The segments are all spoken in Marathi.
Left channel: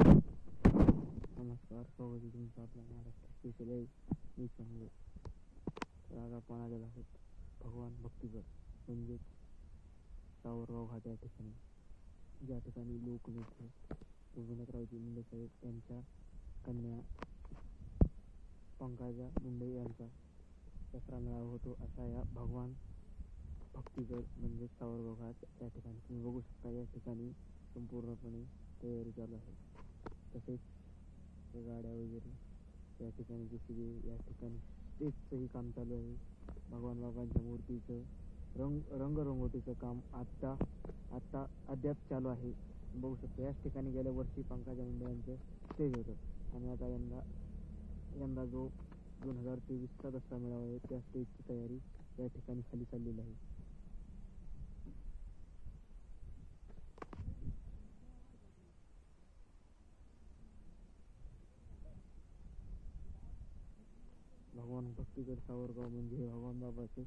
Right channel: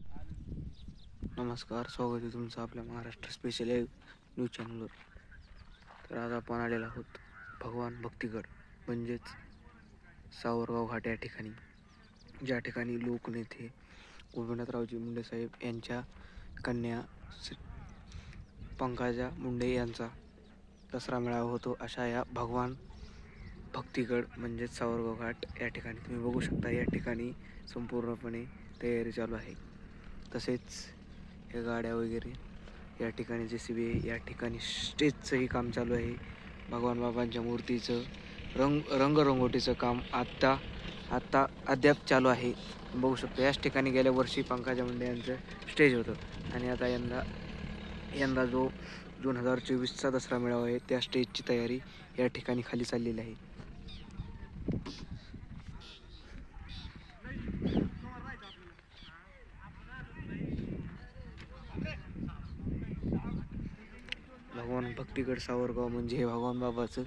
नमस्कार, स्वागत आहे तुमचं आपल्या महाराष्ट्र स्पेशल न्यूज चॅनलवर. तर आज आपण आलेलो आहोत भगवान भक्तिगड म्हणजेच सावरगाव घाट या ठिकाणी, ज्या ठिकाणी लोकनेते गोपीनाथरावजी मुंडे साहेब यांच्या कन्या पंकजा मुंडे यांचा दसरा मेळावा होतो. अशा या भगवान भक्तिगड म्हणजेच सावरगाव घाट या ठिकाणी तुम्ही बघू शकता, या ठिकाणी संपूर्णपणे तयारी चालू आहे. तसेच या गाड्या वगैरे या ठिकाणी JCB या ठिकाणी स्टेजचंही काम चालू आहे. भगवान बाबांच्या मूर्तीचं रंगरंगोटीचं काम आत्ता अद्याप चालू आहे. बघू शकतो याच ठिकाणी गेल्या वर्षी पंकजा मुंडे यांचं स्टेज होतं आणि आता यंदा जो 2024चा दसरा मेळावा आहे त्या स्टेजची तयारी या ठिकाणी खाली चाललेली आहे. भगवान भक्तिगड सावरगाव म्हणजे हे भगवान बाबाचं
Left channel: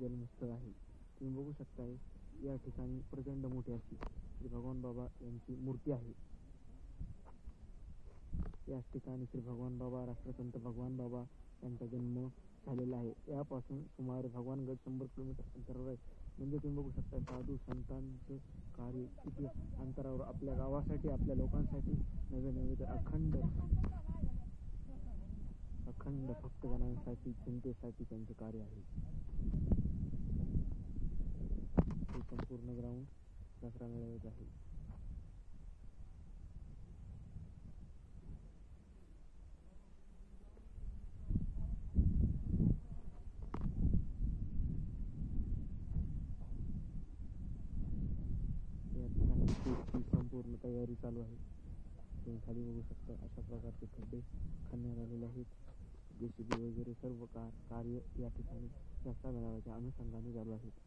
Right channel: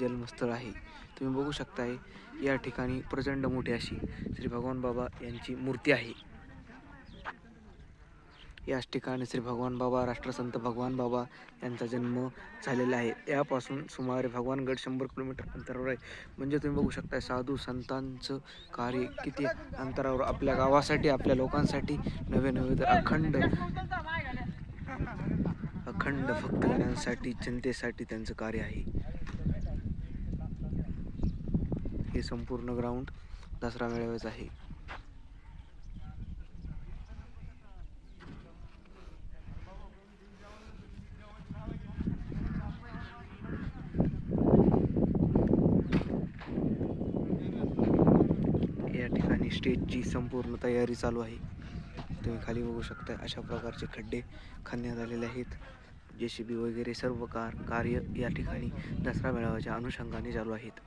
जन्मस्थळ आहे. तुम्ही बघू शकताय या ठिकाणी प्रचंड मोठी अशी श्री भगवान बाबा यांची मूर्ती आहे. याच ठिकाणी श्री भगवान बाबा, राष्ट्रसंत भगवान बाबा यांचा जन्म झालेला आहे. यापासून सुमारे भगवानगड 100 किलोमीटर अंतरावर आहे. म्हणजे तुम्ही बघू शकता साधू संतांचं कार्य किती अंतरावर आपल्या गावासाठी, आपल्या लोकांसाठी नवे अखंड भक्तगणांसाठी, जनतेसाठी त्यांचं कार्य आहे. हे संपूर्ण ग्राउंड दसरा मेळाव्याचं आहे. या ठिकाणी स्टेजची संपूर्ण तयारी चालू आहे. तुम्ही खाली बघू शकता अशा प्रकारचे खड्डे खणण्यात आलेले आहेत. JCB वगैरे सर्व कार्य या ठिकाणी दसरा मेळाव्याच्या अनुषंगाने चालू आहेत.